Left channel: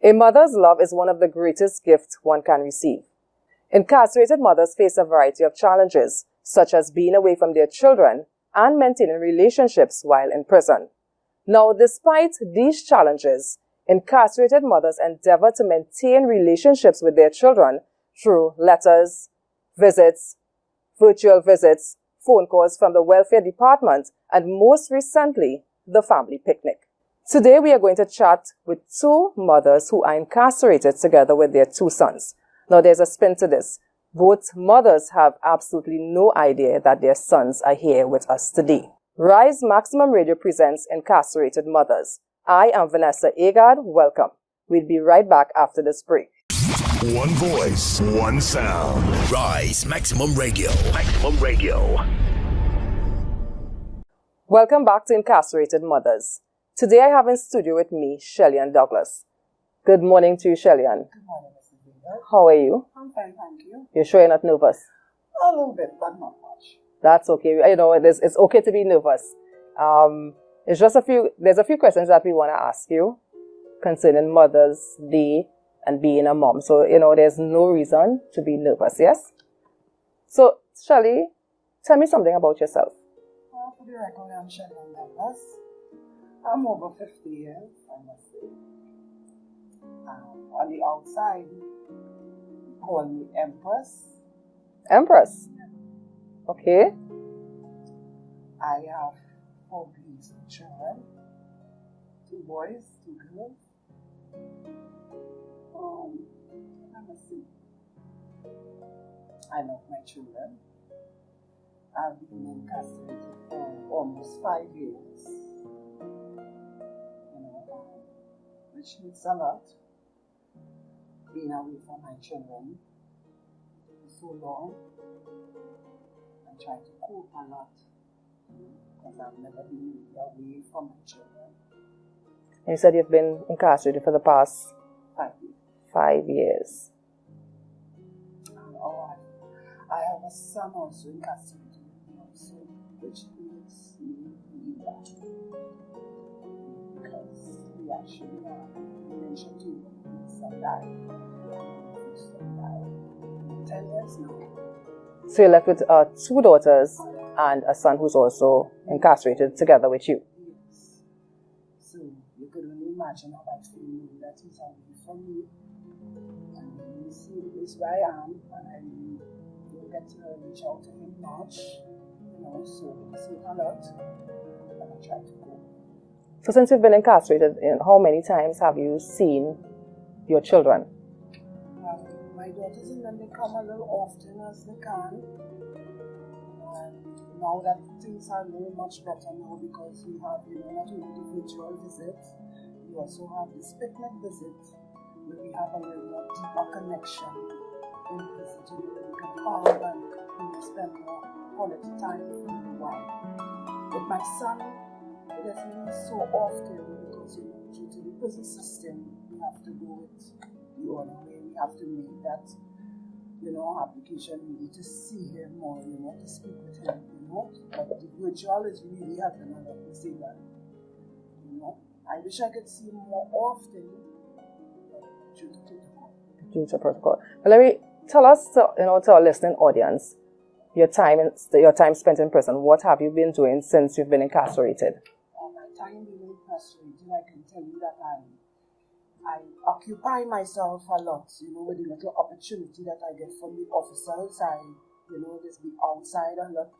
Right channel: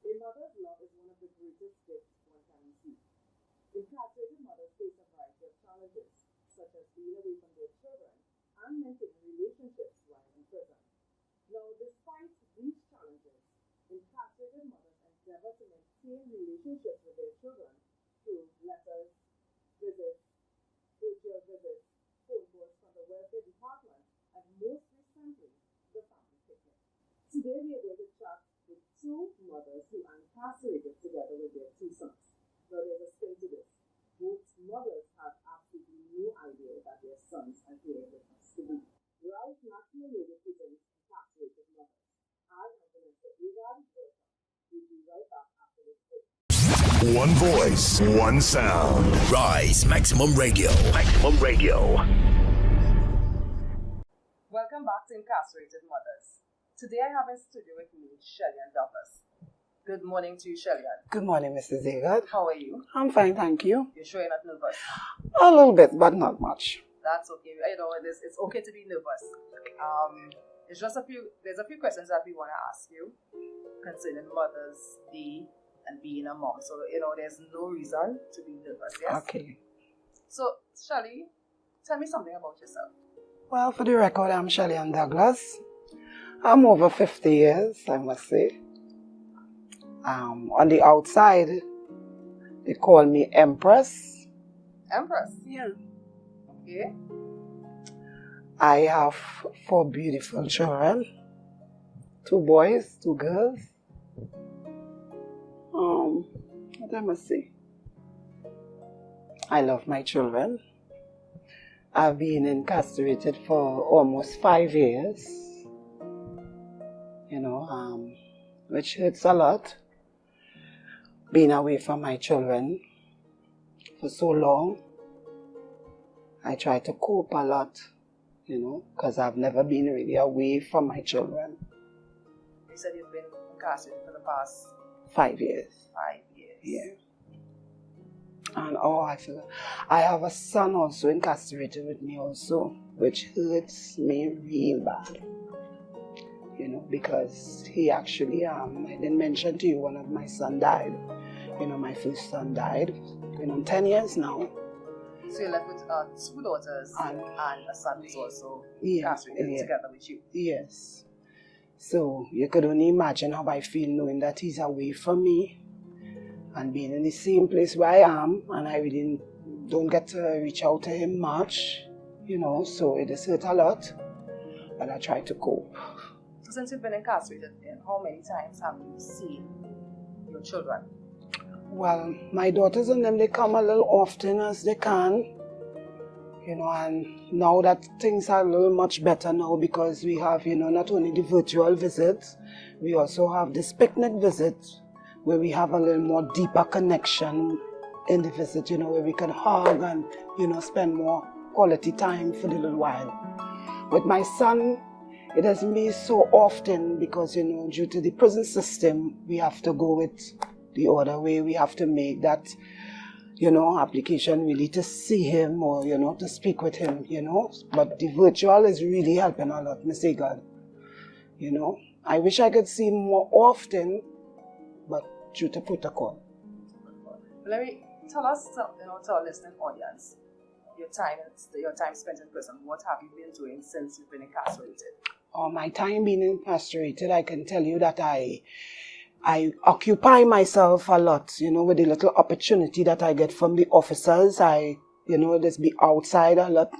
A mother's love is one of the greatest gifts one can receive. Incarcerated mothers face a variety of challenges, such as being away from their children and maintaining relationships while in prison. Now, despite these challenges, incarcerated mothers endeavor to maintain relationships with their children through letters, visits, virtual visits, phone calls from the welfare department, and most recently, the family picnic. Today, we are going to chat with two mothers who are incarcerated together with their two sons. Now, there's a spin to this. Both mothers have absolutely no idea that their sons are here with us today. R.I.S.E Maximum Radio presents Incarcerated Mothers. I am Vanessa Agard. Welcome. We'll be right back after this break. One voice, one sound. R.I.S.E Maximum Radio. Maximum Radio. Welcome back to Incarcerated Mothers. Today I have in studio with me Shelly and Douglas. Good morning to you, Shelly Ann. Good morning, Mrs. Agard. How are you? I'm fine, thank you. You're sure you're not nervous? A little bit, but not much. That's okay. You know, it's okay to be nervous. There's a few questions that we want to ask you concerning Mother's Day and being a mom. So, you know, there's no reason to be nervous, yes? Okay. So, Shelly, tell me something about yourself. Well, for the record, I'm Shelly Ann Douglas. I'm over 50 years, I must say. On the outside, they call me Empress. Empress? Yeah. Okay. I have 4 beautiful children. 2 boys, 2 girls. What I must say? I love my children. I've been incarcerated for almost 5 years. You know, which hurts a lot. Being away from my children for so long. I try to cope a lot, you know, because I've never been really away from my children. And you said you've been incarcerated for the past 5 years. 5 years. Yeah. And I have a son also incarcerated with me also, which hurts me real bad. You know, because he actually, I didn't mention to you, one of my sons died. You know, my first son died. Been on 10 years now. So you're left with 2 daughters and a son who's also incarcerated together with you. Yes. So you could only imagine how I feel knowing that he's away from me and being in the same place where I am, and I really don't get to reach out to him much, you know, so it has hurt a lot, but I try to cope. So since you've been incarcerated, how many times have you seen your children? Well, my daughters and them, they come a little often as they can, you know, and now that things are a little much better now because we have, you know, not only the virtual visits, we also have this picnic visit where we have a little more deeper connection in the visit, you know, where we can hug and, you know, spend more quality time for the little while. With my son, it doesn't be so often because, you know, due to the prison system, we have to go with the other way. We have to make that, you know, application really to see him or, you know, to speak with him, you know. But the virtual is really helping a lot, Mr. God. You know, I wish I could see him more often, but due to protocol. Due to protocol. But let me tell us, to our listening audience, your time spent in prison. What have you been doing since you've been incarcerated? My time being incarcerated, I can tell you that I occupy myself a lot, you know, with the little opportunity that I get from the officers. You know, just be outside a lot.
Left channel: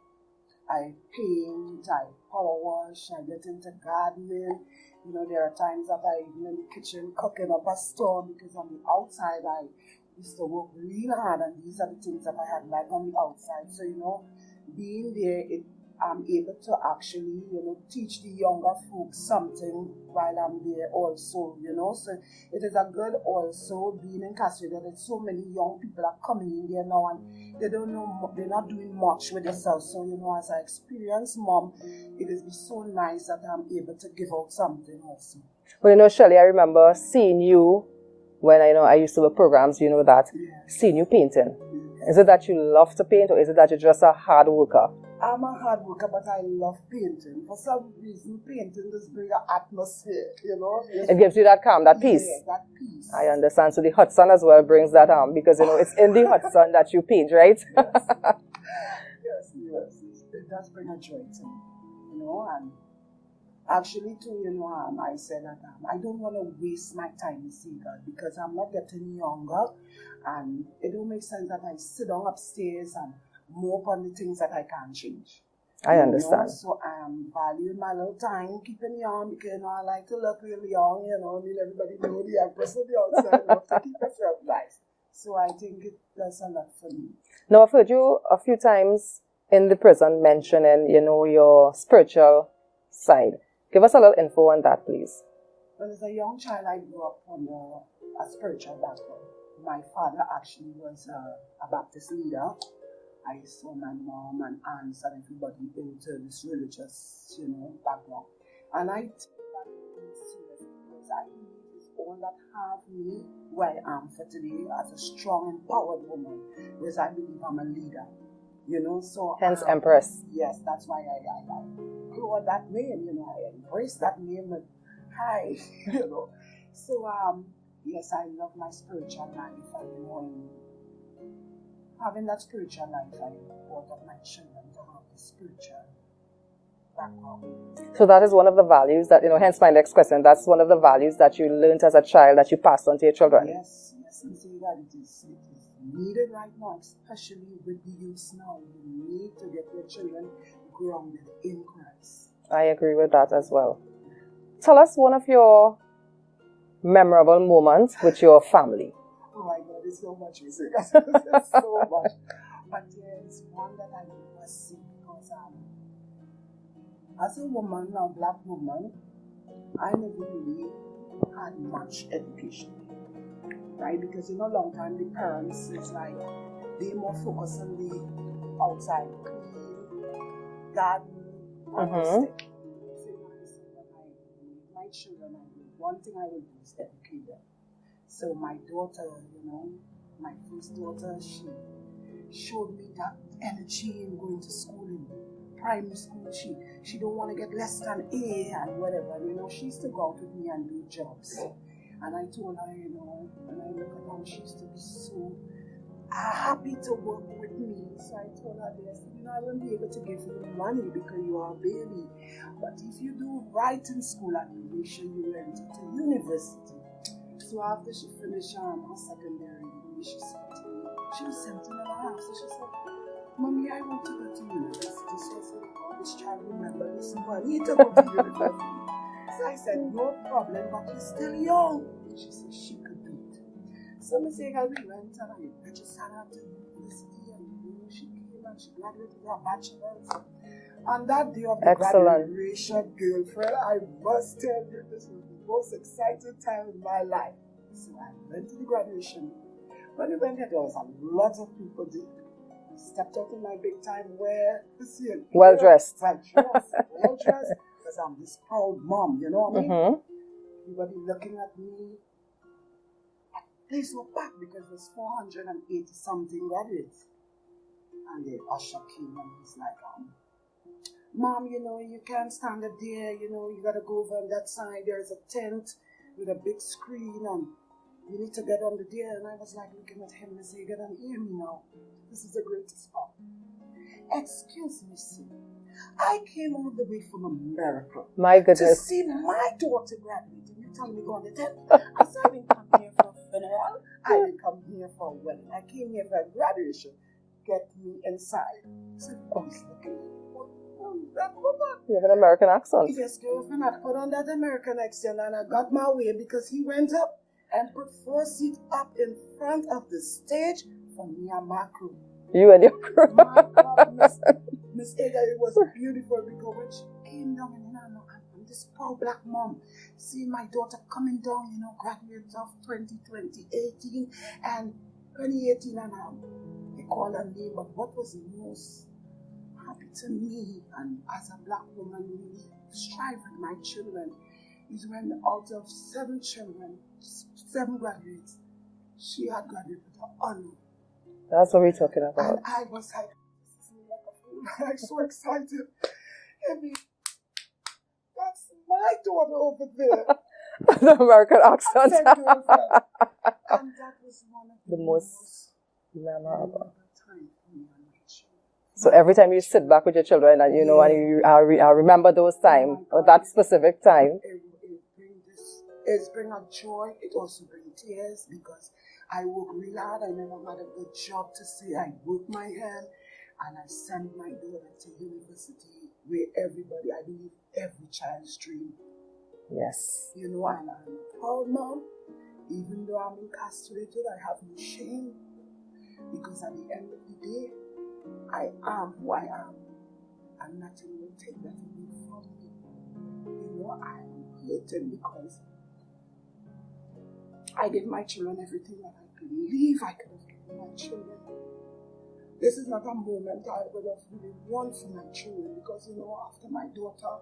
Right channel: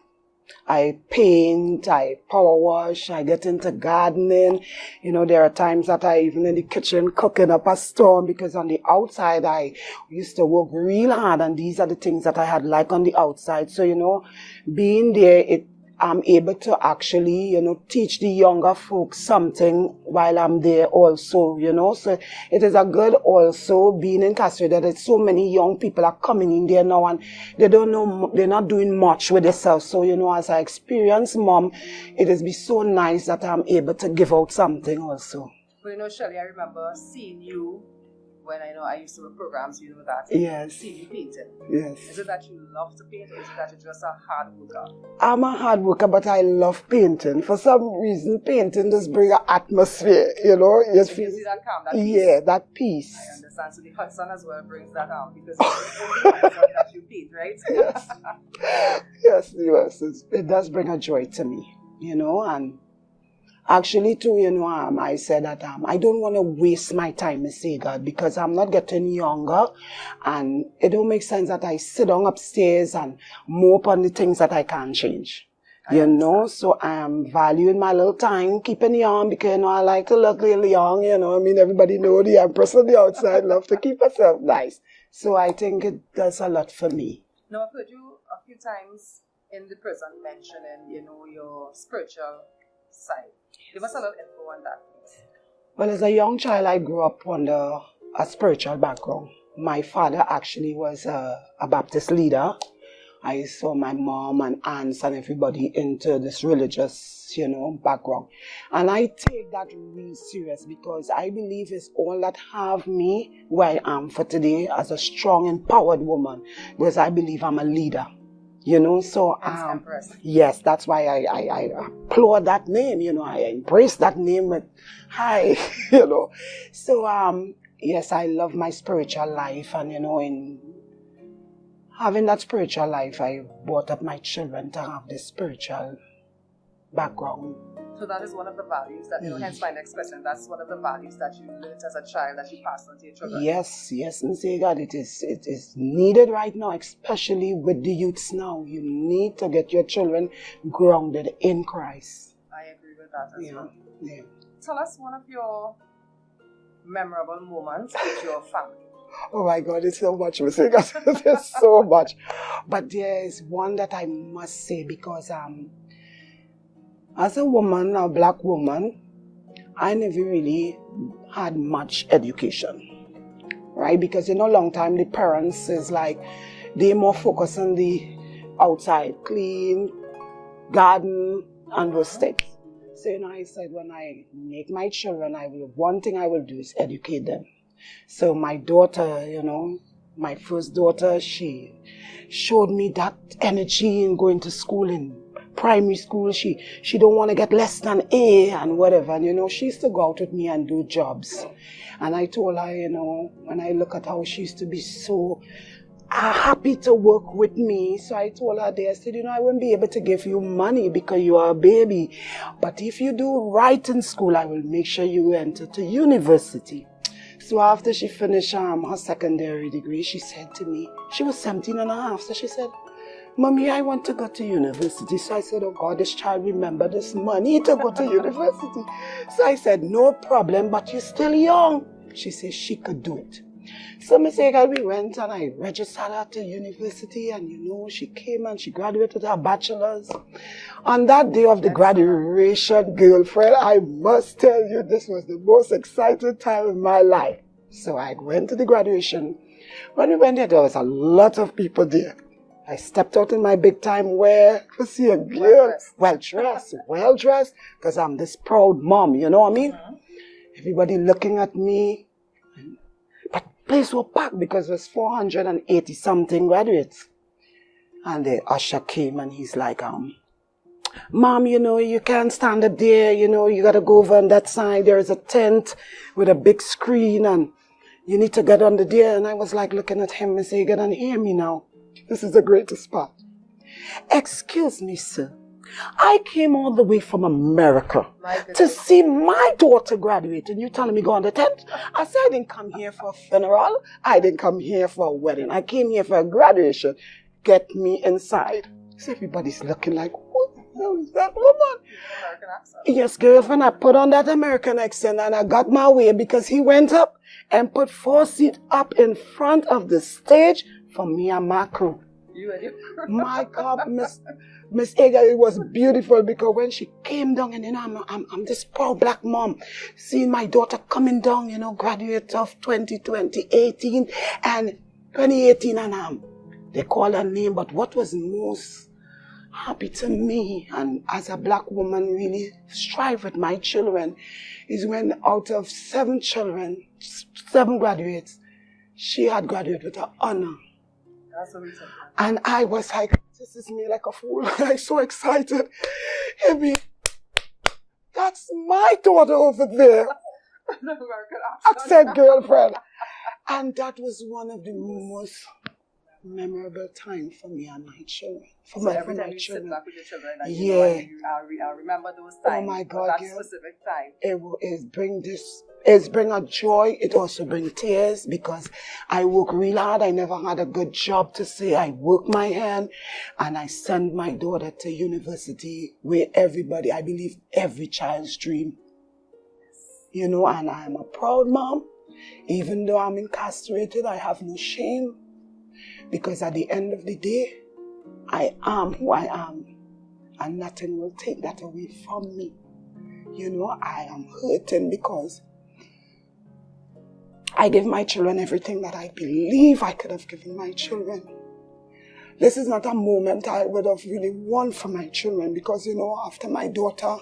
I paint, I power wash, I get into gardening. You know, there are times that I even in the kitchen cooking up a storm because on the outside I used to work real hard and these are the things that I had like on the outside. So, you know, being there, I'm able to actually, you know, teach the younger folks something while I'm there also, you know. So it is a good also being incarcerated. There's so many young people are coming in there now and they don't know, they're not doing much with themselves. So, you know, as I experienced mom, it has been so nice that I'm able to give out something also. Well, you know, Shirley, I remember seeing you when I used to work programs, that Yes. seen you painting. Yes. Is it that you love to paint, or is it that you're just a hard worker? I'm a hard worker, but I love painting. For some reason, painting just brings an atmosphere, It gives you that calm, that peace. Yeah, that peace. I understand. So the hot sun as well brings that because it's in the hot sun that you paint, right? Yes. Yes, it does bring a joy to me, and actually too, I said that I don't want to waste my time, Miss God, because I'm not getting younger, and it don't make sense that I sit down upstairs and mope on the things that I can't change. I understand. So I'm valuing my little time, keeping young, because I like to look really young. Everybody know the empress on the outside love to keep herself nice. So I think it does a lot for me. Now, I've heard you a few times in the prison mentioning, your spiritual side. Give us a little info on that, please. Well, as a young child, I grew up under a spiritual background. My father actually was a Baptist leader. I saw my mom and aunts and everybody into this religious, background. And I take that real serious because I believe it's all that have me where I am for today as a strong, empowered woman. Because I believe I'm a leader. So hence Empress. Yes, that's why I applaud that name. I embrace that name with hi. So yes, I love my spiritual life, and in having that spiritual life, I brought up my children to have this spiritual background. So that is one of the values that, hence my next question, that's one of the values that you learned as a child that you passed on to your children. Yes, and say God, it is needed right now, especially with the youths now. You need to get your children grounded in Christ. I agree with that as well. Yeah. Tell us one of your memorable moments with your family. Oh my God, it's so much. There's so much. But there is one that I must say because as a woman, a black woman, I never really had much education, right? Because long time the parents is like, they more focus on the outside, clean, garden, and those things. So, I said, when I make my children, one thing I will do is educate them. So my daughter, my first daughter, she showed me that energy in going to school in primary school. She don't want to get less than A and whatever. And, she used to go out with me and do jobs. And I told her, when I look at how she used to be so happy to work with me. So I told her I said, I won't be able to give you money because you are a baby. But if you do right in school, I will make sure you enter to university. So after she finished her secondary degree, she said to me, she was 17 and a half. So she said, Mommy, I want to go to university. So I said, oh God, this child remember this money to go to university. So I said, no problem, but you're still young. She said she could do it. So we went and I registered her to university, and she came and she graduated her bachelor's. On that day of the graduation, girlfriend, I must tell you, this was the most exciting time in my life. So I went to the graduation. When we went there was a lot of people there. I stepped out in my big time wear to see a girl. Well dressed, because I'm this proud mom, you know what I mean? Everybody looking at me. Place was packed because it was 480 something graduates. And the usher came and he's like, Mom, you can't stand up there, you gotta go over on that side. There is a tent with a big screen and you need to get under there. And I was like looking at him and say, get on, hear me now. This is the greatest spot. Excuse me, sir. I came all the way from America to see my daughter graduate, and you telling me go on the tent? I said I didn't come here for a funeral. I didn't come here for a wedding. I came here for a graduation. Get me inside. So everybody's looking like, what the hell is that woman? You have an American accent. Yes, girlfriend, I put on that American accent and I got my way because he went up and put 4 seats up in front of the stage for me and my crew. You and your crew. My God, Miss Aga, it was beautiful because when she came down, and I'm this proud black mom, seeing my daughter coming down, graduate of 2018 and 2018, and they call her name. But what was most happy to me, and as a black woman really strive with my children, is when out of 7 children, 7 graduates. She had graduated with an honor. That's what we're talking about. And I was like, this is me like a fool. I'm so excited. Amy, that's my daughter over there. The American accent. Girlfriend. And that was one of the most memorable time for me and my children. So every time you sit back with your children and you and you remember those times, or that specific time. It bring a joy. It also bring tears because I work real hard. I never had a good job to say. I work my hand and I send my daughter to university where everybody, I believe every child's dream. Yes. And I am a proud mom. Even though I'm incarcerated, I have no shame. Because at the end of the day, I am who I am. And nothing will take that away from me. I am hurting because I give my children everything that I believe I could have given my children. This is not a moment I would have really won for my children because, after my daughter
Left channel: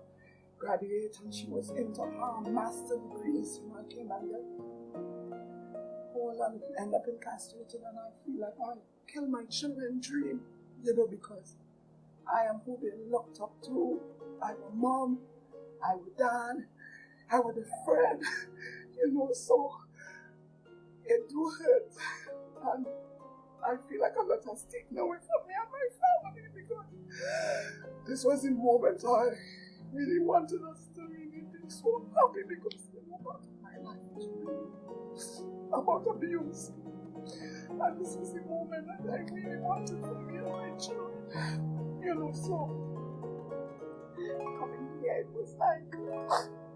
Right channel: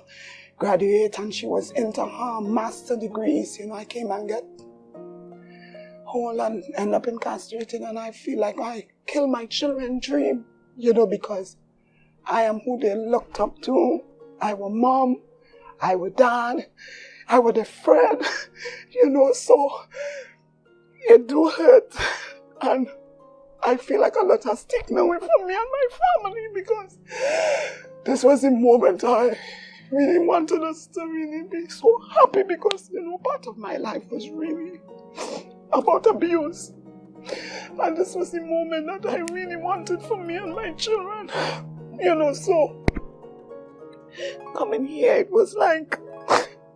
graduated and she was into her master degrees, I came and get whole and end up incarcerated, and I feel like I killed my children's dream, because I am who they looked up to. I was mom, I was dad, I was a friend, so it do hurt. And I feel like a lot has taken away from me and my family because this was the moment I really wanted us to really be so happy because, part of my life was really about abuse. And this was the moment that I really wanted for me and my children. So coming here, it was like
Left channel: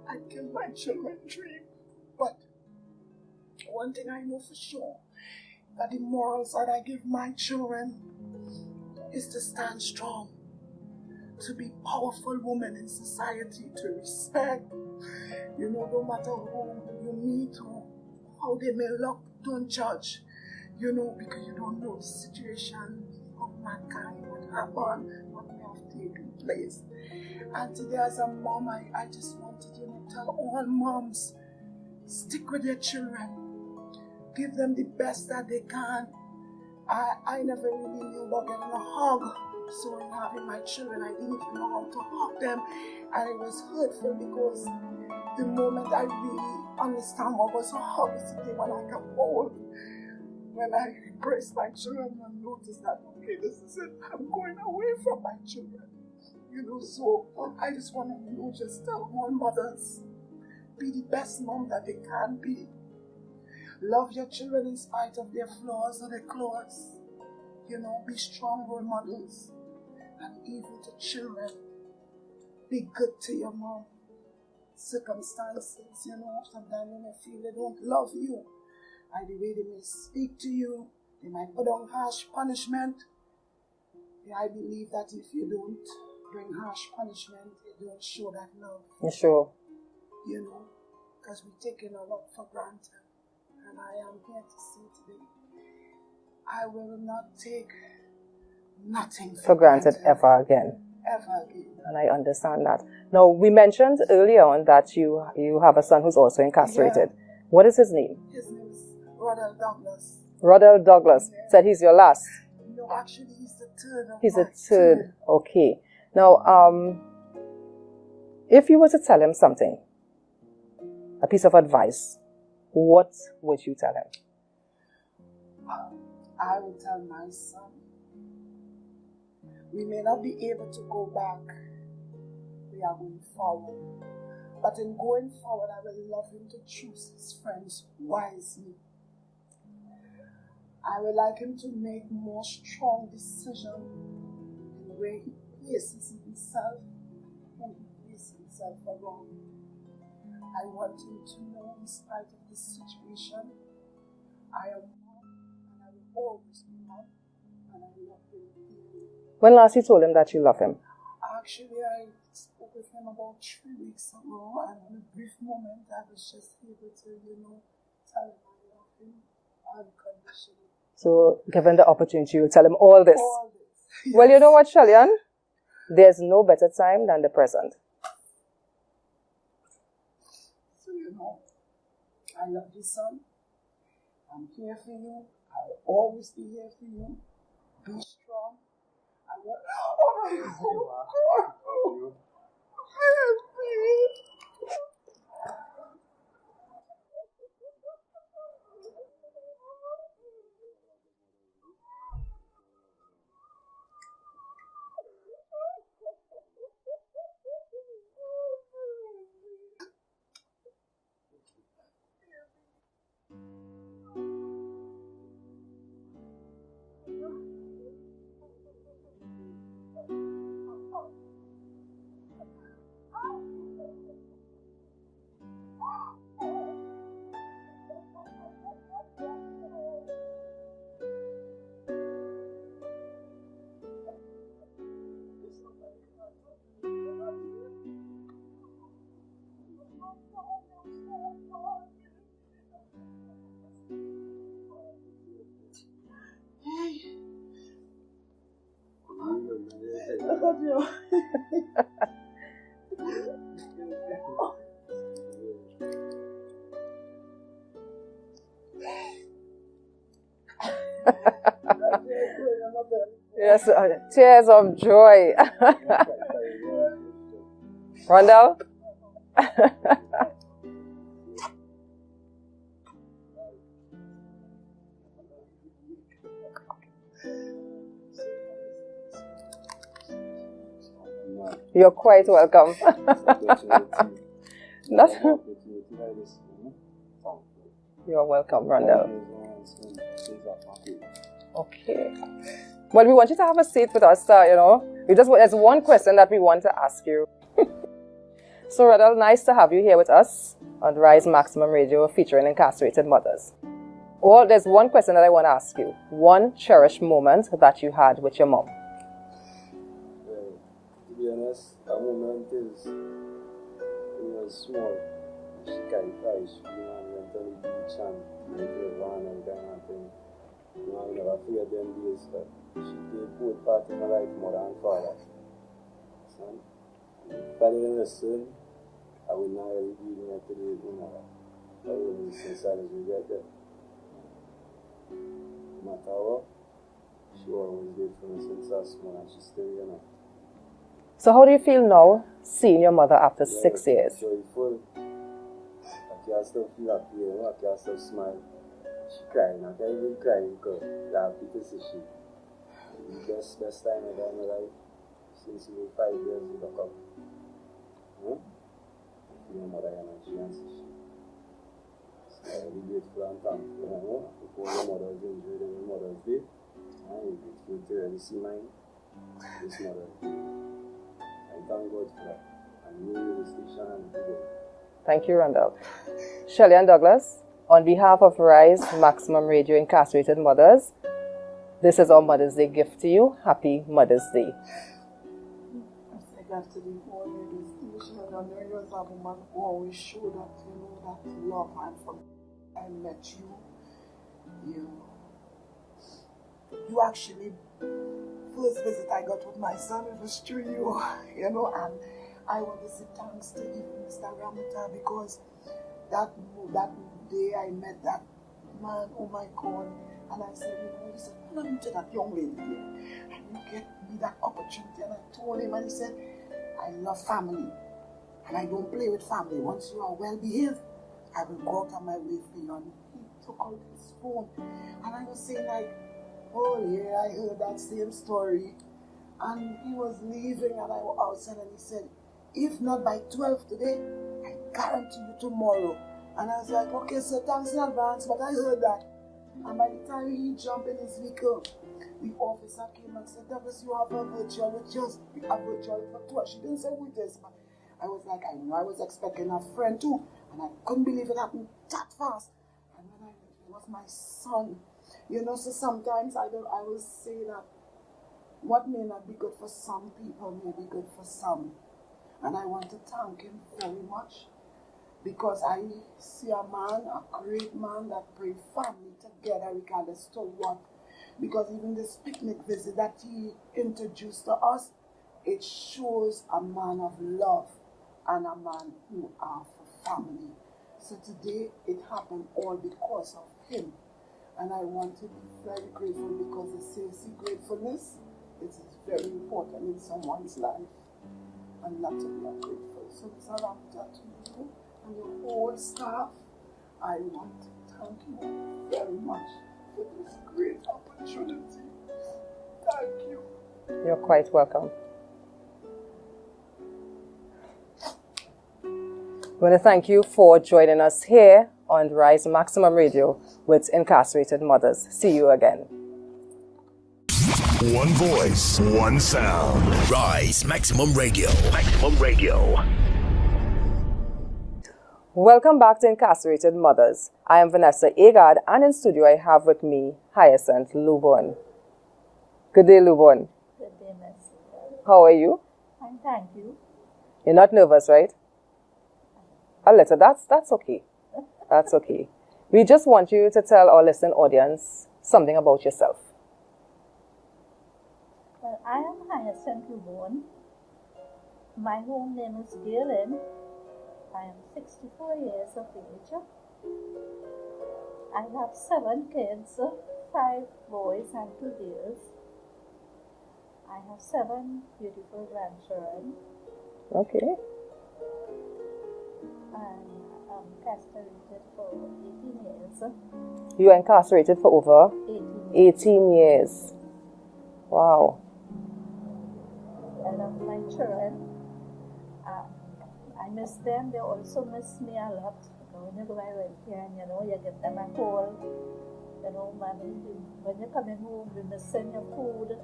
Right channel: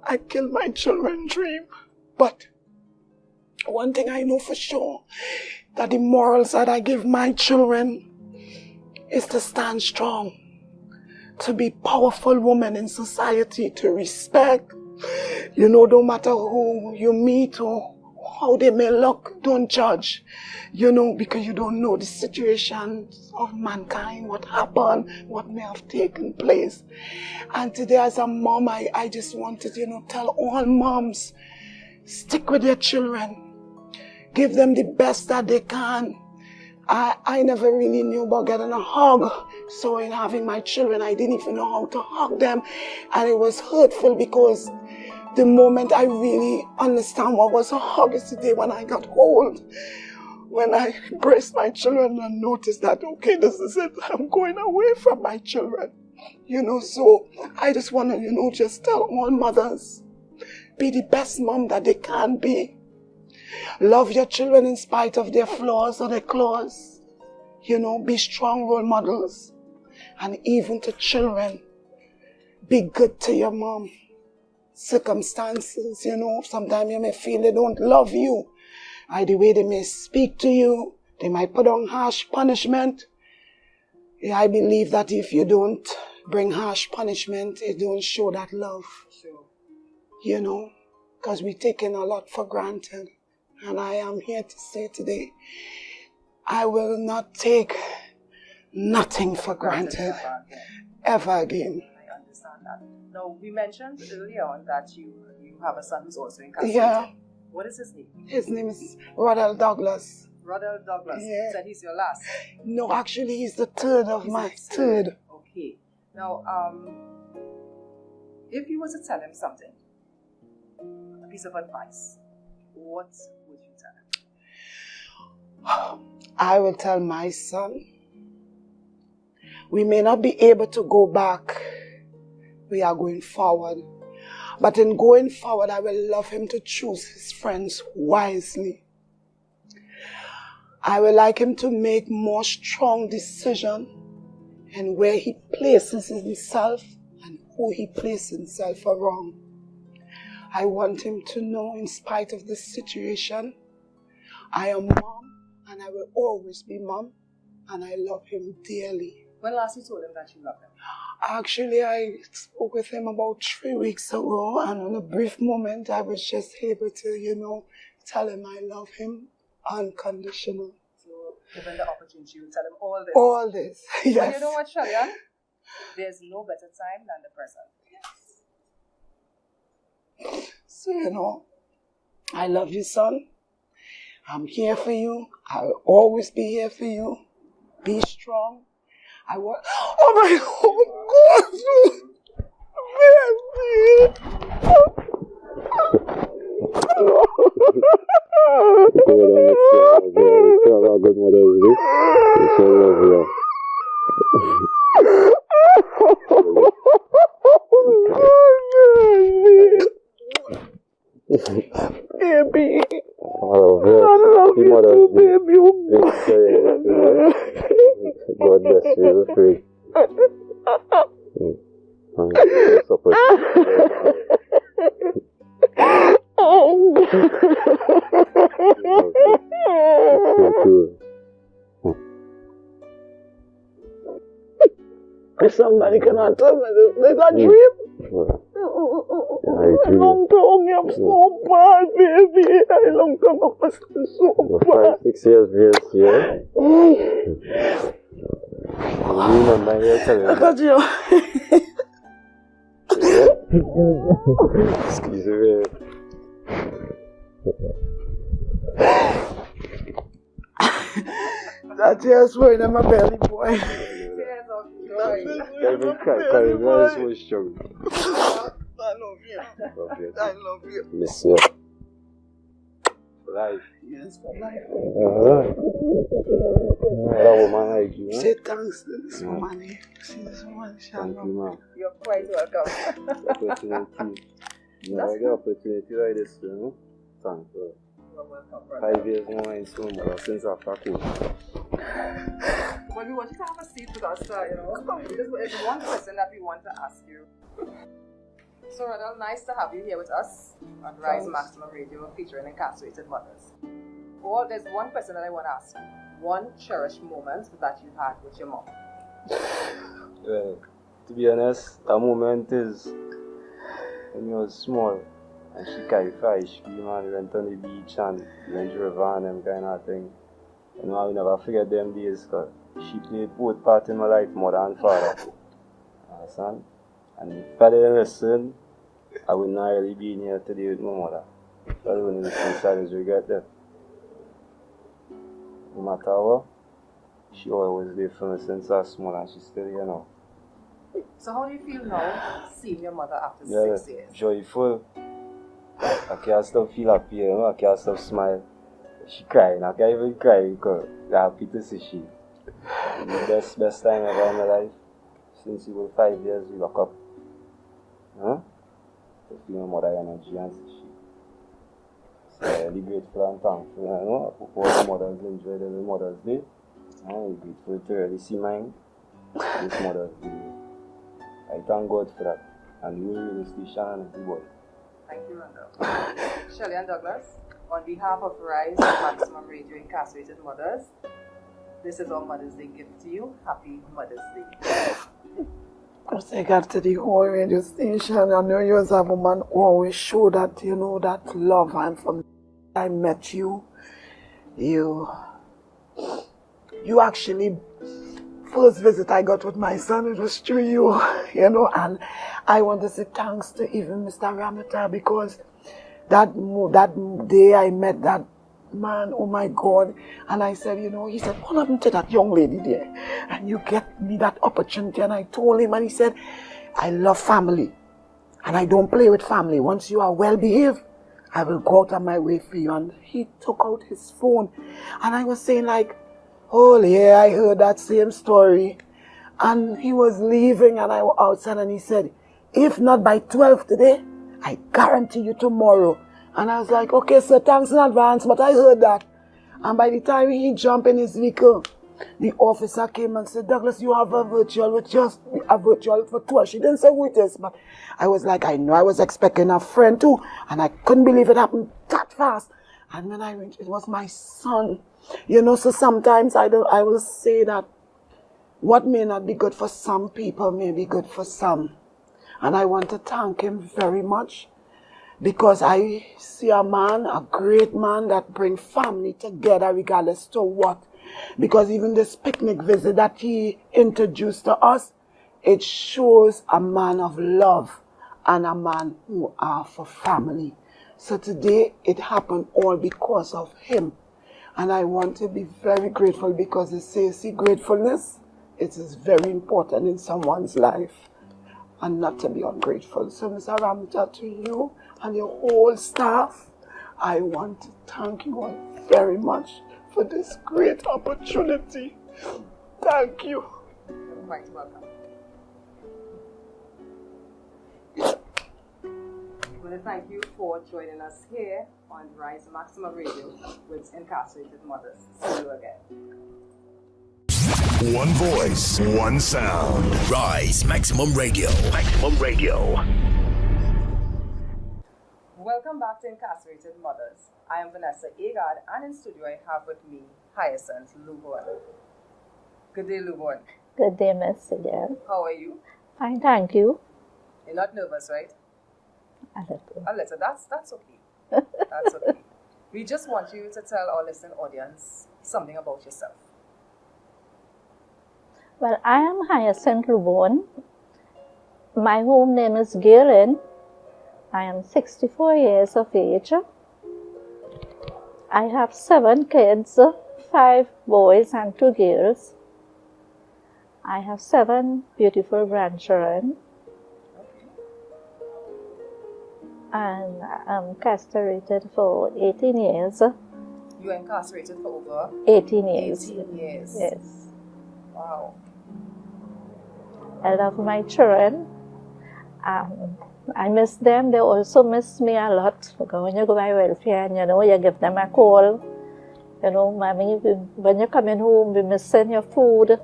I killed my children's dream. But one thing I know for sure, that the morals that I give my children is to stand strong, to be powerful women in society, to respect. No matter who you meet or how they may look, don't judge, because you don't know the situations of mankind, what happened, what may have taken place. And today as a mom, I just wanted, tell all moms, stick with their children. Give them the best that they can. I never really knew about getting a hug. So in having my children, I didn't even know how to hug them. And it was hurtful because the moment I really understand what was a hug is the day when I got old. When I embraced my children and noticed that, okay, this is it. I'm going away from my children. So I just want to, just tell all mothers, be the best mom that they can be. Love your children in spite of their flaws or their claws. Be strong role models. And even to children, be good to your mom. Circumstances, sometimes you may feel they don't love you. The way they may speak to you, they might put on harsh punishment. I believe that if you don't bring harsh punishment, it don't show that love. Sure. Because we're taking a lot for granted. And I am here to say today, I will not take nothing for granted ever again. Ever again. And I understand that. Now, we mentioned earlier on that you have a son who's also incarcerated. Yeah. What is his name? His name is Rodell Douglas. Rodell Douglas. Yeah. Said he's your last. No, actually, he's the third of he's my the third. Okay. Now, if you were to tell him something, a piece of advice, what would you tell him? I will tell my son, we may not be able to go back. We are going forward. But in going forward, I will love him to choose his friends wisely. I would like him to make more strong decisions in where he places himself and who he places himself around. I want him to know, in spite of this situation, I am mom and I will always be mom, and I love him dearly. When last you told him that you love him? Actually, I spoke with him about 3 weeks ago, and in a brief moment, I was just able to, tell him I love him unconditional. So, given the opportunity, you will tell him all this? All this, yes. Well, you know what, Shalian? There's no better time than the present. So, I love you, son. I'm here for you. I'll always be here for you. Be strong. I want. Oh my God! Baby, I love you too, baby. God bless you. Great. If somebody cannot tell me this is a dream. I long term, I'm so bad, baby. I long term, I'm so bad. 5-6 years, yeah. You remember here telling me. Look at you. Excuse me. That tears flowing in my belly, boy. Tears of joy. Randall? I love you. I love you. Miss you. For life. Yes, for life. That woman like you, Say thanks to this woman. She's one, Shalom. You're quite welcome. Opportunity. That's opportunity like this, you know? Thank you. You're welcome, 5 Randall. years more in school, since after school. Okay. Well, we want you to have a seat with us, you know. There's one question that we want to ask you. So, Randall, nice to have you here with us on Rise Maximum Radio featuring incarcerated mothers. Well, there's one question that I want to ask you. One cherished moment that you had with your mom. Well, to be honest, that moment is when you were small and she carried fish, we went on the beach and drove on and kind of thing. And I will never forget them days because she played both parts in my life, mother and father. Understand? And if I didn't listen, I would not really be in here today with my mother. So I don't know if I regret that. No matter what, she always there for me since I was small and she's still here now. So how do you feel now, seeing your mother after 6 years? Joyful. I can't stop feel happy, you know? I can't stop smile. She crying, I can't even cry because I'm happy to see she. The best time ever in my life. Since we were 5 years, we lock up. Huh? To feel my mother energy and see she. So I'm really grateful and thankful, you know? I hope all the mothers enjoyed every Mother's Day. I'm grateful to really see mine this Mother's Day. I thank God for that. And you really station and the boy. Thank you, Randall. Shelley and Douglas, on behalf of Rise Maximum Radio Incarcerated Mothers, this is our Mother's Day gift to you. Happy Mother's Day. I got to the whole radio station. I know you as a woman always show that, you know, that love. And from I met you, you actually, first visit I got with my son, it was through you, you know, and I want to say thanks to even Mr. Ramata because that day I met that man, oh my God, and I said, you know, he said, what happened to that young lady there? And you get me that opportunity, and I told him, and he said, I love family, and I don't play with family. Once you are well behaved, I will go out of my way for you. And he took out his phone, and I was saying like, oh yeah, I heard that same story. And he was leaving, and I was outside, and he said, if not by 12 today, I guarantee you tomorrow. And I was like, okay, sir, thanks in advance, but I heard that. And by the time he jumped in his vehicle, the officer came and said, Douglas, you have a virtual with just a virtual for 2 hours. She didn't say who it is, but I was like, I know I was expecting a friend too, and I couldn't believe it happened that fast. And when I went, it was my son. You know, so sometimes I will say that what may not be good for some people may be good for some. And I want to thank him very much because I see a man, a great man that brings family together regardless to what. Because even this picnic visit that he introduced to us, it shows a man of love and a man who are for family. So today it happened all because of him. And I want to be very grateful because it says, see, gratefulness, it is very important in someone's life and not to be ungrateful. So, Mr. Ramja, to you and your whole staff, I want to thank you all very much for this great opportunity. Thank you. You're quite welcome. I want to thank you for joining us here on Rise Maximum Radio with Incarcerated Mothers. See you again. One voice, one sound. Rise Maximum Radio. Maximum Radio. Welcome back to Incarcerated Mothers. I am Vanessa Agard, and in studio I have with me Hyacinth Lubon. Good day, Lubon. Good day, Miss again. How are you? Fine, thank you. You're not nervous, right? A little. A little. That's okay. That's okay. We just want you to tell our listening audience something about yourself. Well, I am Hyacinth Lubon. My home name is Galen. I am 64 years of age. I have 7 kids, 5 boys and 2 girls. I have 7 beautiful grandchildren. Okay. And I'm incarcerated for 18 years. You were incarcerated for over 18 years. 18 years. Yes. Wow. I love my children. I miss them. They also miss me a lot. Because when you go by welfare and you give them a call. Mommy, when you're coming home, we missing your food.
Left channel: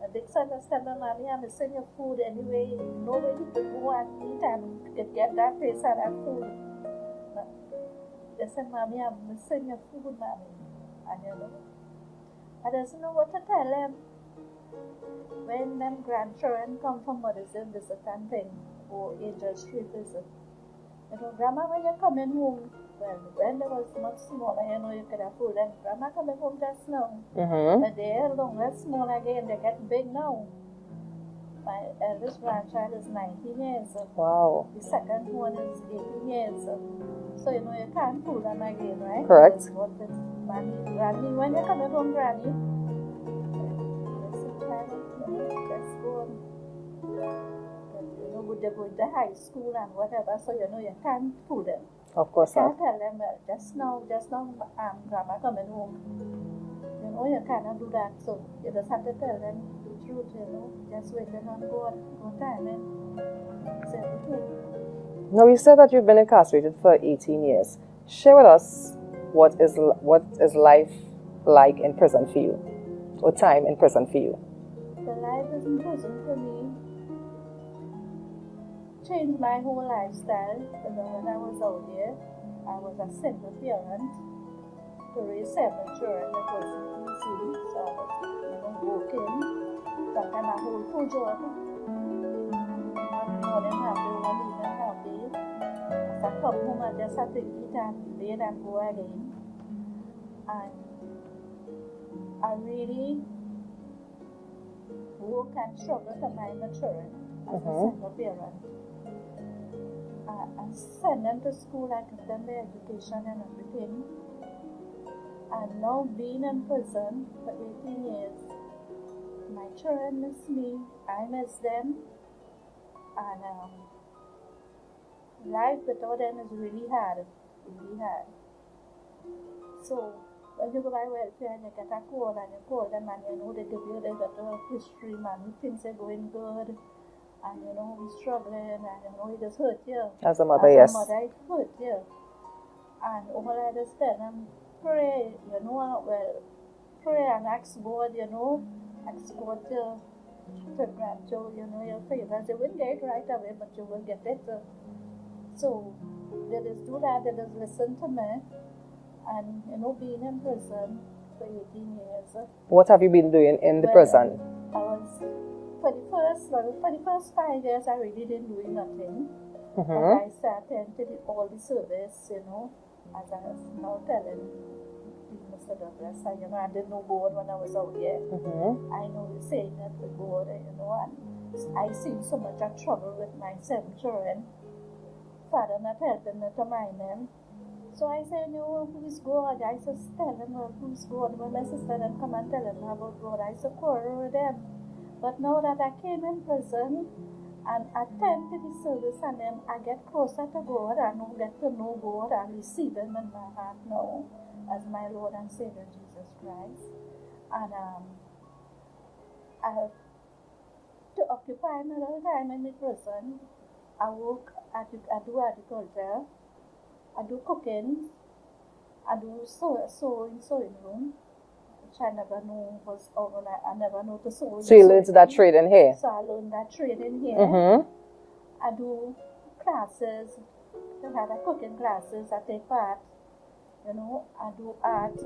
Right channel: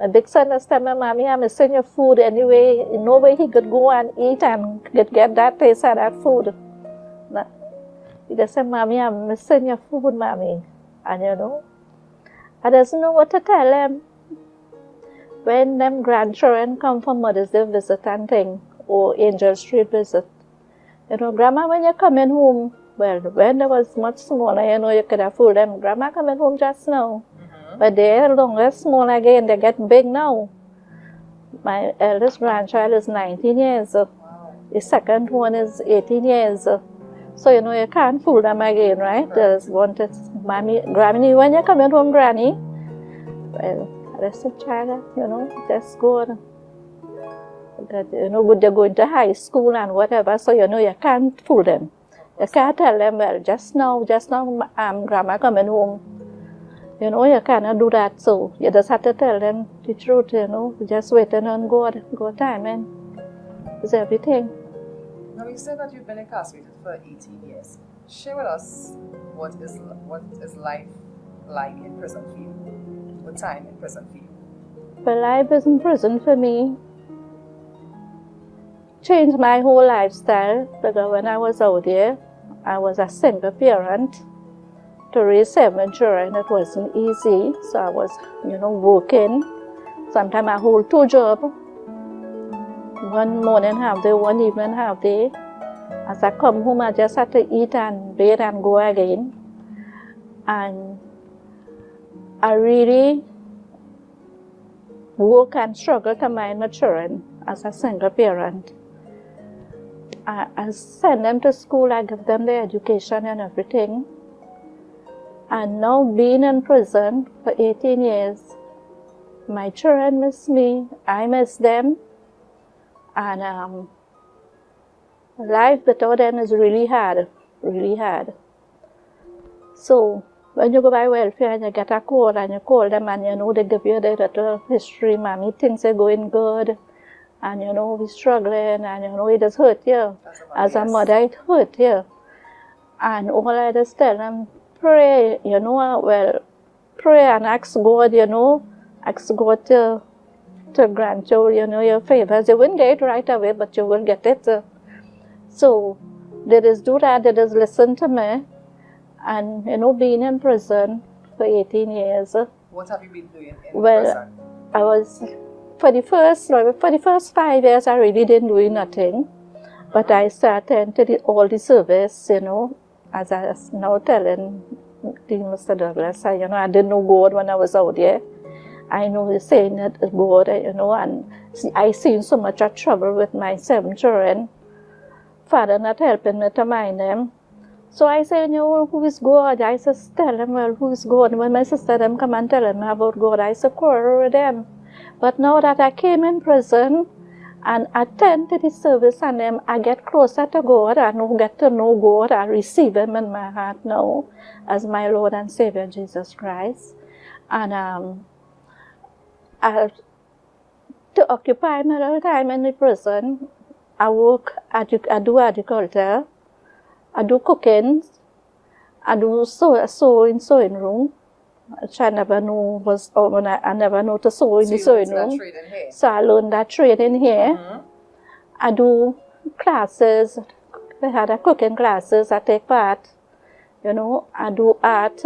My big son is telling me, Mommy, I'm missing your food anyway. No way he could go and eat and get that taste of that food. He just said, Mommy, I'm missing your food, Mommy. And I doesn't know what to tell them. When them grandchildren come for Mother's Day visit and thing, or Angel Street visit, Grandma, when you're coming home, well, when they was much smaller, you could have fooled them. Grandma coming home just now. Mm-hmm. But they're longer, small again, they get big now. My eldest grandchild is 19 years. Wow. The second one is 18 years. So, you can't fool them again, right? Correct. They wanted, Mommy, Granny, when you're coming home, Granny? Well, that's a child, that's good. That, they're going to high school and whatever, so, you can't fool them. Of course. You can't tell them, well, just now, Grandma coming home. You cannot do that, so you just have to tell them the truth, just waiting on God time, and it's everything. Now, you said that you've been incarcerated for 18 years. Share with us what is life like in prison for you, or time in prison for you. Well, life is in prison for me changed my whole lifestyle, because when I was out there, I was a single parent. To raise 7 children, it wasn't easy, so I was, working. Sometimes I hold 2 jobs. One morning half day, one evening half day. As I come home, I just had to eat and bathe and go again. And I really work and struggle to mind my children as a single parent. I send them to school, I give them their education and everything. And now being in prison for 18 years, my children miss me, I miss them. And life without them is really hard, really hard. So when you go by welfare and you get a call and you call them and they give you the little history, Mommy, things are going good. And we're struggling, and it does hurt you. As a mother, As yes. a mother, it hurt you. And all I just tell them, pray, pray and ask God, ask God to grant you, your favors. You won't get it right away, but you will get it. So they just do that, they just listen to me. And, being in prison for 18 years. What have you been doing in the prison? I was... For the first 5 years, I really didn't do nothing. Mm-hmm. But I started to all the service, as I was now telling Mr. Douglas, I didn't know God when I was out there. Mm-hmm. I know he's saying that God, and I seen so much of trouble with my 7 children. Father not helping me to mind them. So I say, who is God? I says, tell them, well, who is God? When my sister them come and tell them about God, I say, quarrel with them. But now that I came in prison and attend to the service and them, I get closer to God. I get to know God. I receive Him in my heart now as my Lord and Savior, Jesus Christ. And to occupy my little time in the prison, I work, I do agriculture, I do cooking, I do sewing room, which I never knew was, I never know to sew in the sewing room. So you learned that trade in here? So I learned that trade in here. I do classes, we had a cooking classes, I take part, I do art,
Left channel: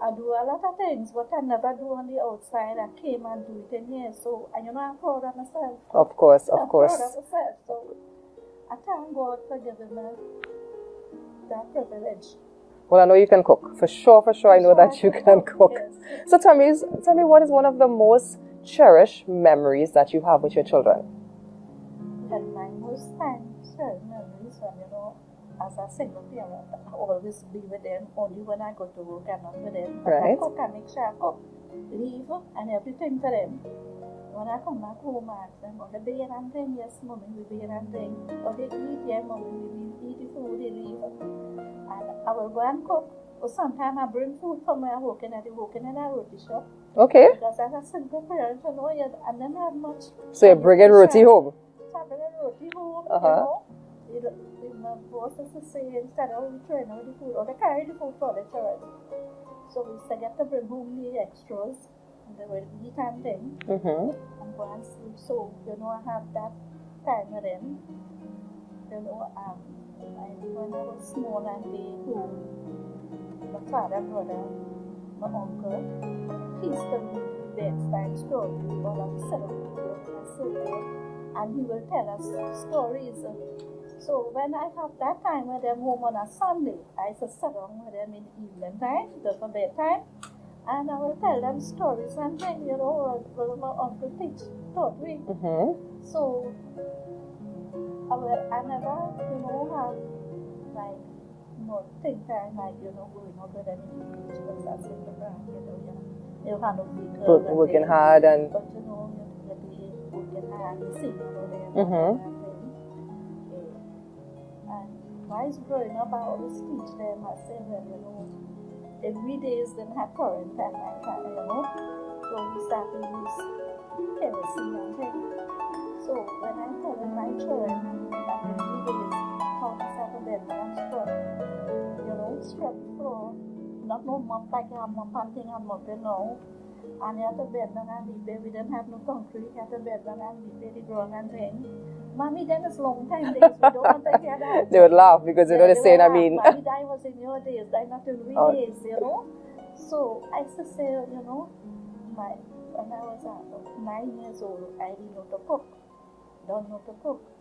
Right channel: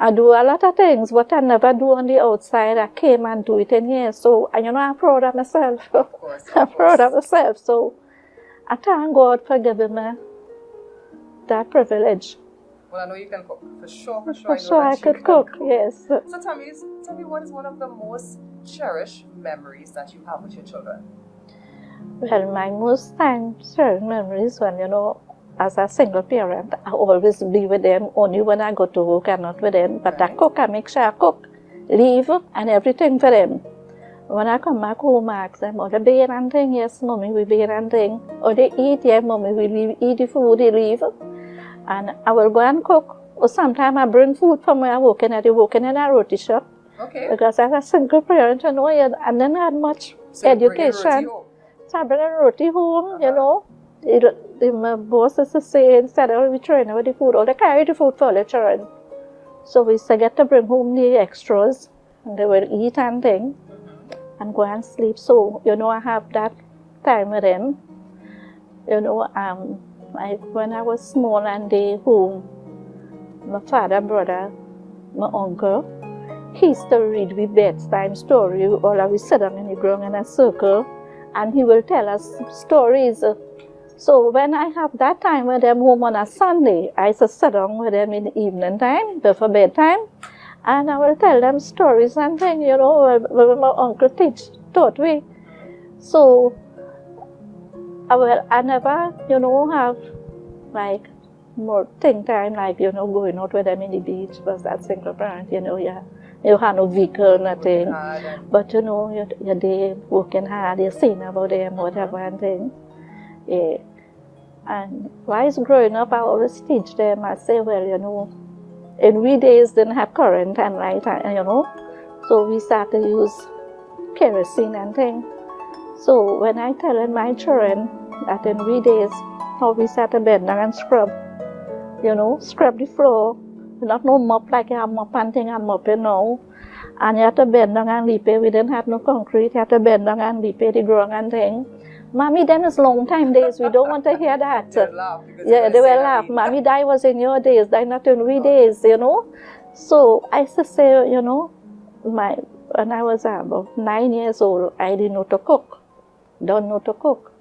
I do a lot of things, but I never do on the outside. I came and do it in here. So, I'm proud of myself. Of course, I'm proud of myself. So, I thank God for giving me that privilege. Well, I know you can cook. For sure, I know that you can cook. Yes. So tell me, what is one of the most cherished memories that you have with your children? Well, my most cherished memories when, as a single parent, I always be with them, only when I go to work and not with them. But I cook, I make sure I cook, leave, and everything for them. When I come back home, I ask them, they bear and thing? Yes, mommy, we bear and thing. Or they eat, yeah, mommy, we eat the food, they leave. And I will go and cook. Or sometimes I bring food from where I'm working at. I'm working in a roti shop. Okay. Because as a single parent, and then I had much so education. So you bring in roti home? So I bring in roti home, My boss is saying, instead of we train with the food, or they carry the food for the children. So we get to bring home the extras, and they will eat and thing, and go and sleep. So, I have that time with them. When I was small and they home, my father, brother, my uncle, he used to read me bedtime story. All of us sit down in the ground in a circle, and he will tell us stories. So when I have that time with them home on a Sunday, I used to sit down with them in the evening time, before bedtime, and I will tell them stories and things, what my uncle taught me. So, I never, have, like, more think time, like, going out with them in the beach, because that's single parent, you have no vehicle, nothing. But, you're there working hard, you're saying about them, whatever, and thing. Yeah. And while growing up, I always teach them, I say, well, in we days didn't have current and light, so we started to use kerosene and things. So when I tell my children that in we days, how we started bend down and scrub, scrub the floor, not no mop like a mop and thing I'm mopping now. And you have to bend down and leap it. We didn't have no concrete, you have to bend down and leap it, the ground and thing. Mommy, then it's long time days. We don't want to hear that. They would laugh because you're going to say that. Mommy, that was in your days, that not in we days, So I used to say, when I was about 9 years old, I didn't know to cook. Don't know to cook.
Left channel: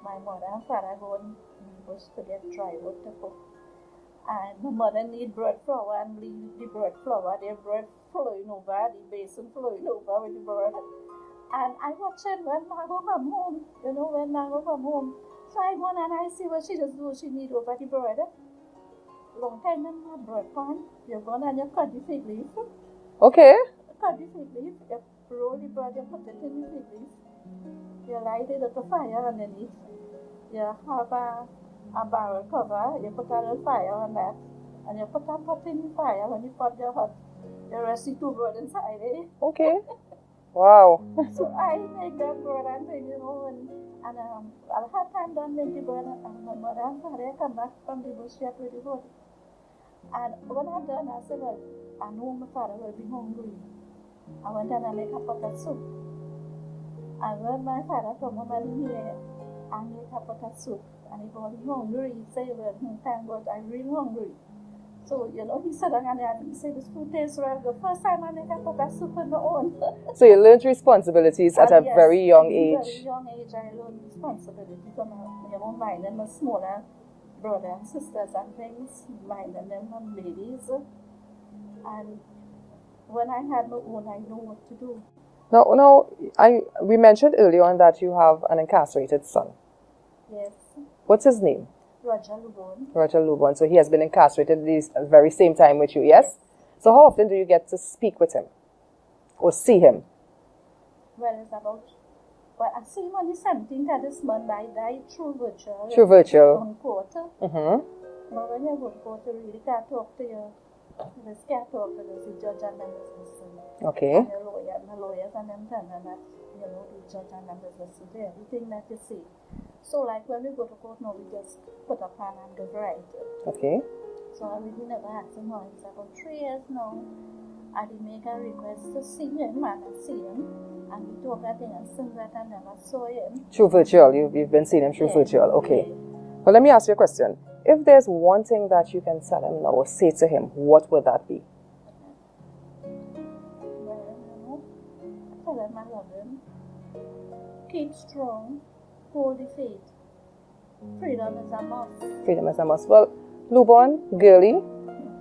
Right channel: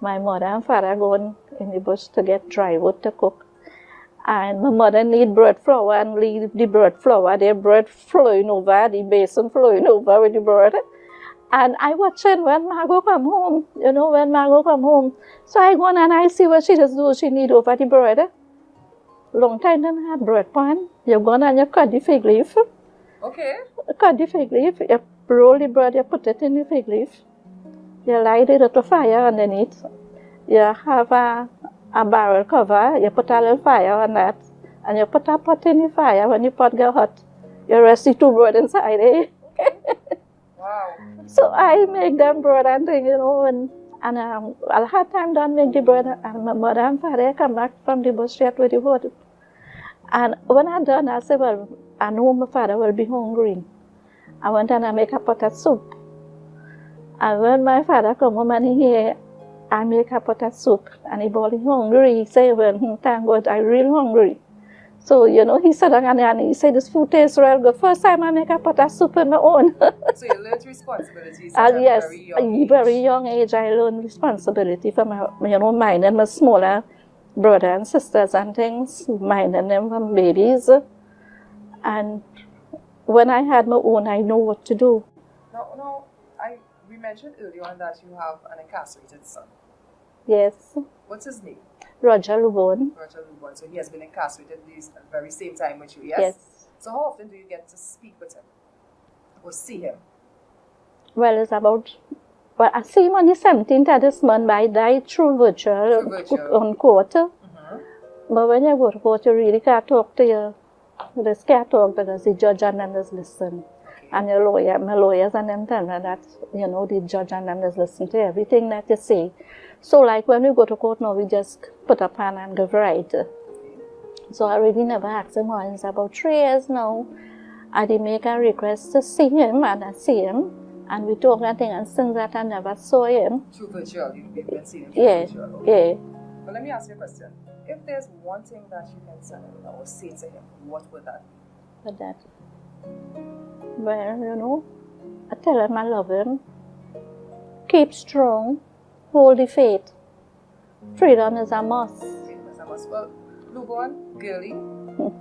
My mother and father going in the bush to get dry wood to cook. And my mother need bread flour and leave the bread flour, the bread flowing over, the basin flowing over with the bread. And I watching when Margot come home, when Margot come home. So I go on and I see what she does do. She need over the bread. Long time didn't have bread pan. You go on and you cut the fig leaf. Okay. Cut the fig leaf. You roll the bread, you put it in the fig leaf. You light it at a fire underneath. You have a barrel cover. You put a little fire on that. And you put a pot in the fire. When the pot get hot, you rest the two bread inside it. Okay. Wow. So I make them bread and thing, and I'll have time done make the bread, and my mother and father come back from the bush straight with the wood. And when I'm done, I say, well, I know my father will be hungry. I went and I make a pot of soup. And when my father come home and he hear, I make a pot of soup, and he bought hungry. He say, well, thank God, I'm real hungry. So, he sat down and he said, this food tastes real good. First time I make a pot of soup on my own. So you learned responsibilities at a very young age? At a very young age, I learned responsibility for my, mine and my smaller brother and sisters and things, minding them from babies. And when I had my own, I know what to do. Now, we mentioned earlier on that you have an incarcerated son. Yes. What's his name? Roger Lubon. Roger Lubon. So he has been incarcerated this very same time with you, yes? Yes. So how often do you get to speak with him or see him? Well, it's about... Well, I see him on the 17th of this month, but I died through virtual. Through virtual. On court. Mm-hmm. But when you go to court, you really can't talk to you. You just can't talk because the judge and them just listen. Okay. And your lawyer, my lawyers and them tell me that, you know, the judge and them just listen to everything that you say. So like when we go to court now, we just put a pen and give right. Okay. So I really never asked him why. It's about 3 years now. I did make a request to see him, and I see him. And we talk and things, and since that I never saw him. Through virtual, you've been seeing him through virtual, okay. Yeah. Well, let me ask you a question. If there's one thing that you can tell him now or say to him, what would that be? But that, well, you know, I tell him I love him. Keep strong, hold the faith. Freedom is a must. Freedom is a must. Well, Lubon, girlie,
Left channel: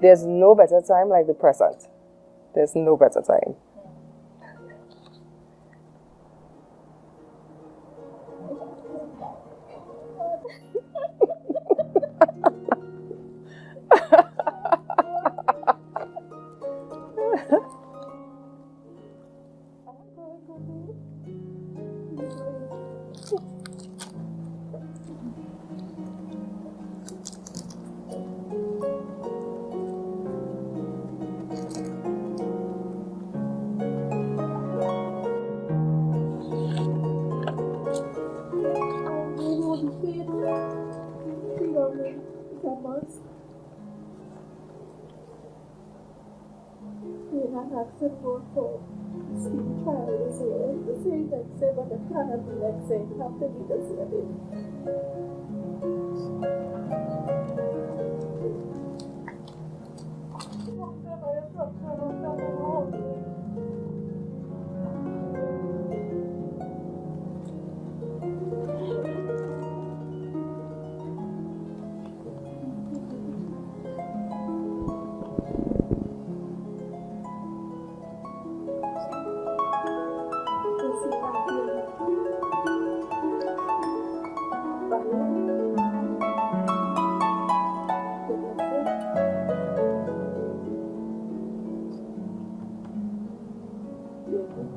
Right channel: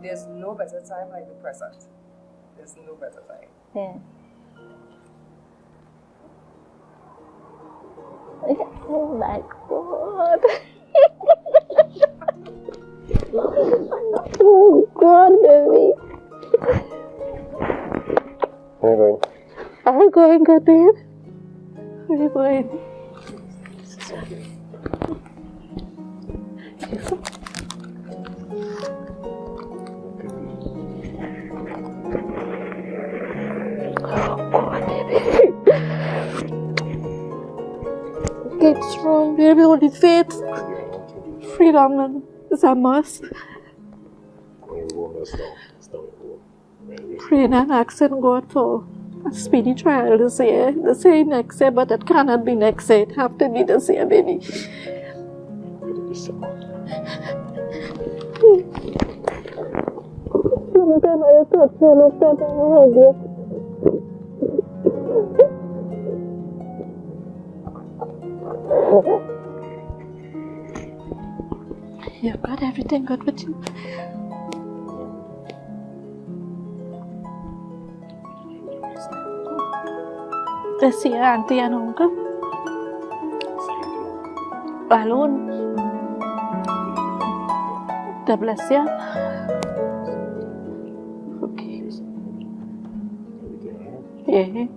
there's no better time like the present. There's no better time. Yeah. Oh my God. Oh God, baby. How you going? I'm going good, babe. Where are you going? Oh God, baby. Keep strong, baby. Only faith. Freedom is a must. Praying and asking God for a speedy trial this year. They say next year, but it cannot be next year. It have to be this year, baby. You've got everything good with you. Let's see your auntie and uncle. Alone. God bless you. Okay. Yeah.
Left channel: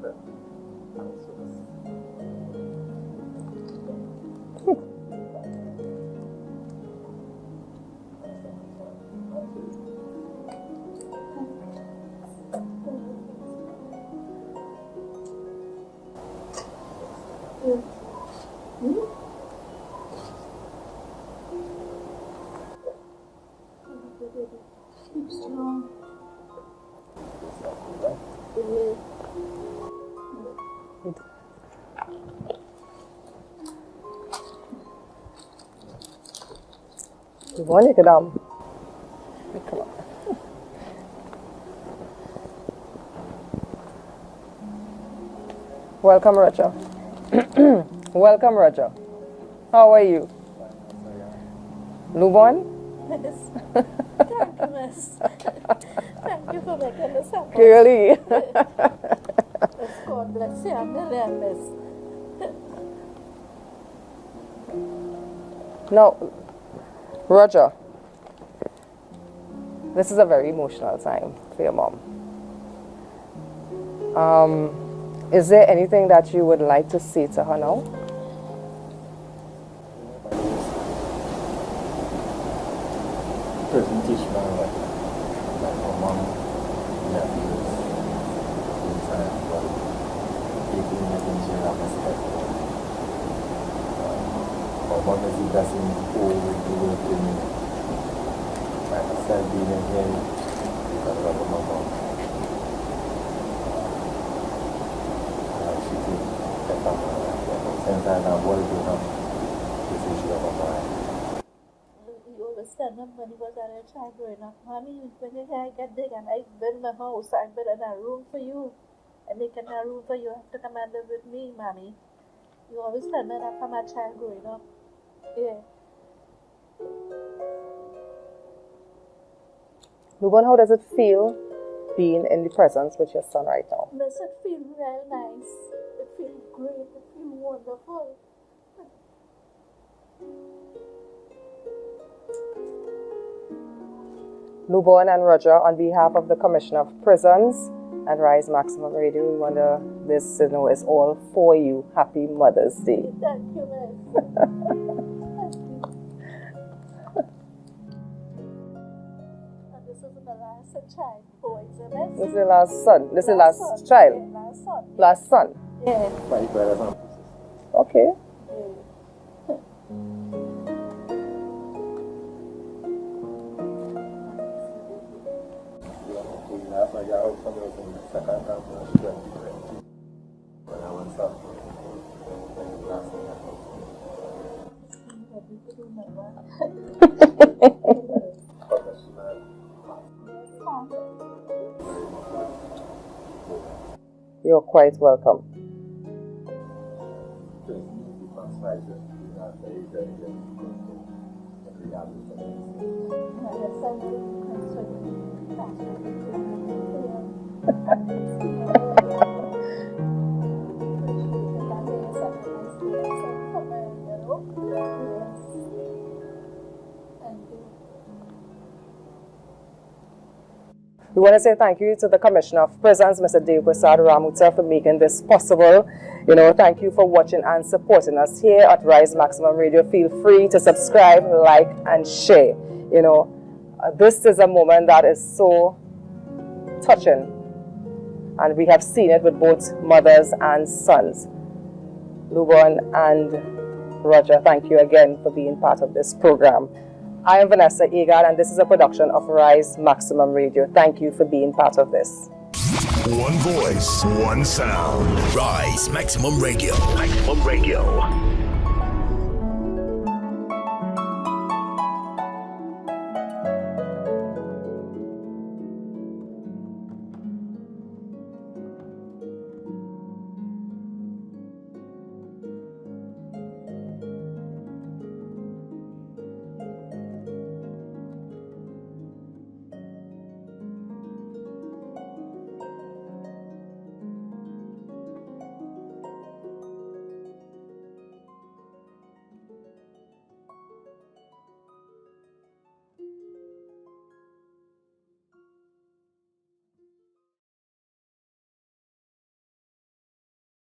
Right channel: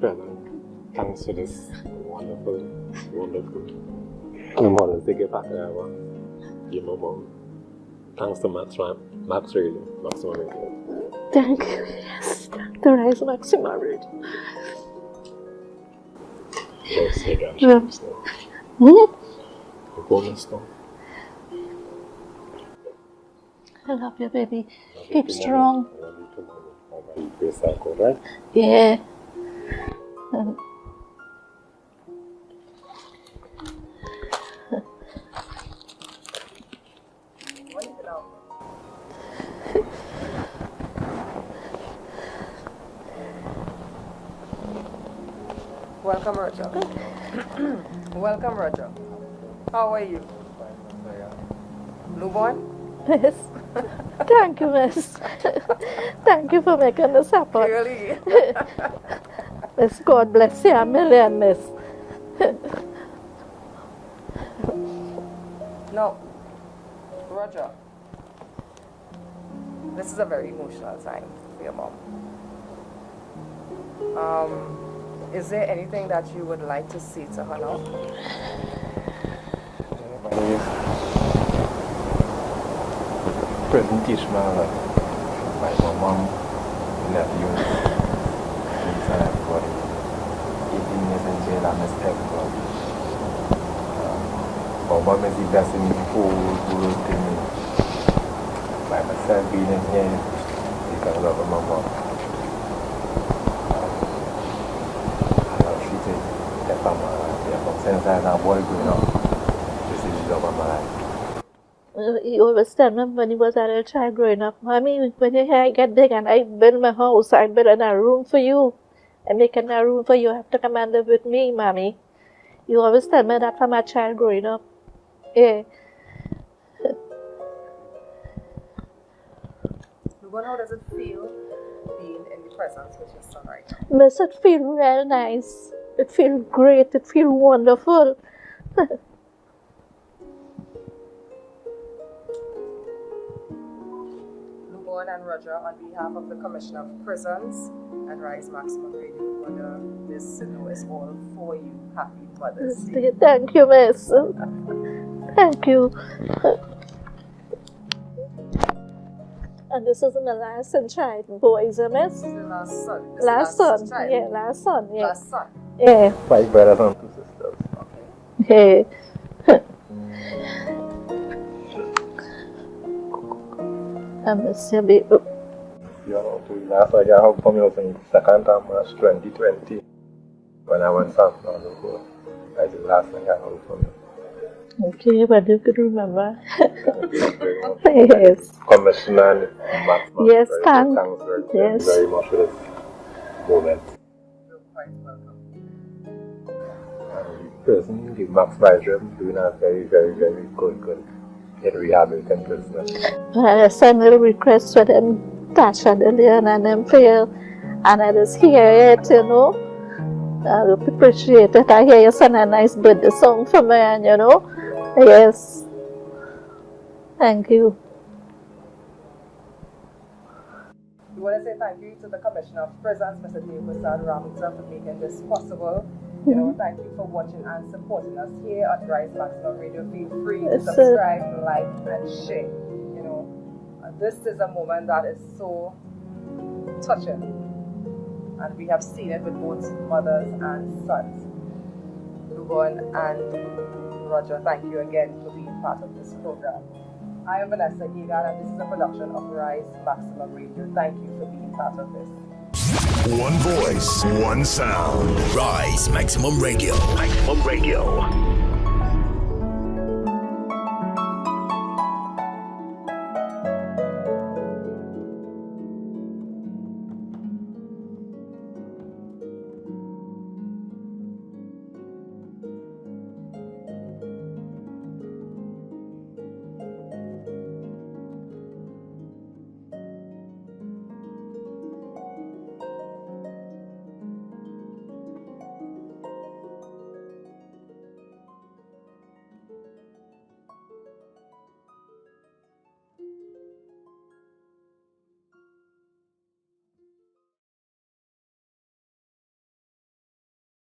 Brother, thanks for this wonderful. I'm honored to get back there. You know, Mom. Thanks to Max Radio, Maximum Radio. Thank you. Yes. The R.I.S.E. Maximum Radio. Yes, you got Yes. I love you, baby. Keep strong. Yeah. You want to get down? Welcome, Roger. Welcome, Roger. How are you? Lubon? Yes. Thank you, miss. Thank you for making this happen. Really? Miss, God bless you a million, miss. Now, Roger, this is a very emotional time for your mom. Is there anything that you would like to say to her now? Prison teach me my mom, nephews, everybody. Even in jail, I must everyone. Mom is the best in the whole world to me. Like I said, being in here because of my mom. I love she did that my mom. Since I'm a boy growing up, this is she of my life. He always tell me when he was a little child growing up, Mommy, when you hear I get big and I build my house, I build a room for you. I make a room for you. You have to come and live with me, Mommy. You always tell me that from a child growing up. Yeah. Lubon, how does it feel being in the presence with your son right now? Miss, it feel real nice. It feel great. It feel wonderful. Luborn and Roger, on behalf of the Commissioner of Prisons and Rise Maximum Radio, we wonder this is all for you. Happy Mother's Day. Thank you, Miss. Thank you. And this is my last child, boys, Miss? This is the last son. This last is the last son. child. Yeah, last son. Yeah. Last son. Yeah. 5 brothers and 2 sisters. Okay. Hey. I miss you, baby. Last I got home from you was in 2nd of March 2020 when I went San Francisco. That's the last thing I got home from you. Okay, but you could remember. Yes. Commissioner and Maximum. Yes, thanks yes. very much for this moment. You're quite welcome. Person, the Max Vice doing a very, very, very good in rehabilitating business. I sent a request for them, Tasha, Delian, and them fail, and I just hear it, you know. I would appreciate it. I hear you send a nice birthday song for me, and you know. Yes. Thank you. We want to say thank you to the Commissioner of Prisons, Mr. Dave Prasad Ramuta, for making this possible. You know, thank you for watching and supporting us here at Rise Maximum Radio. Feel free to subscribe, like, and share. You know, this is a moment that is so touching, and we have seen it with both mothers and sons. Luborn and Roger, thank you again for being part of this program. I am Vanessa Egan, and this is a production of Rise Maximum Radio. Thank you for being part of this. One voice, one sound. Rise Maximum Radio. Maximum Radio.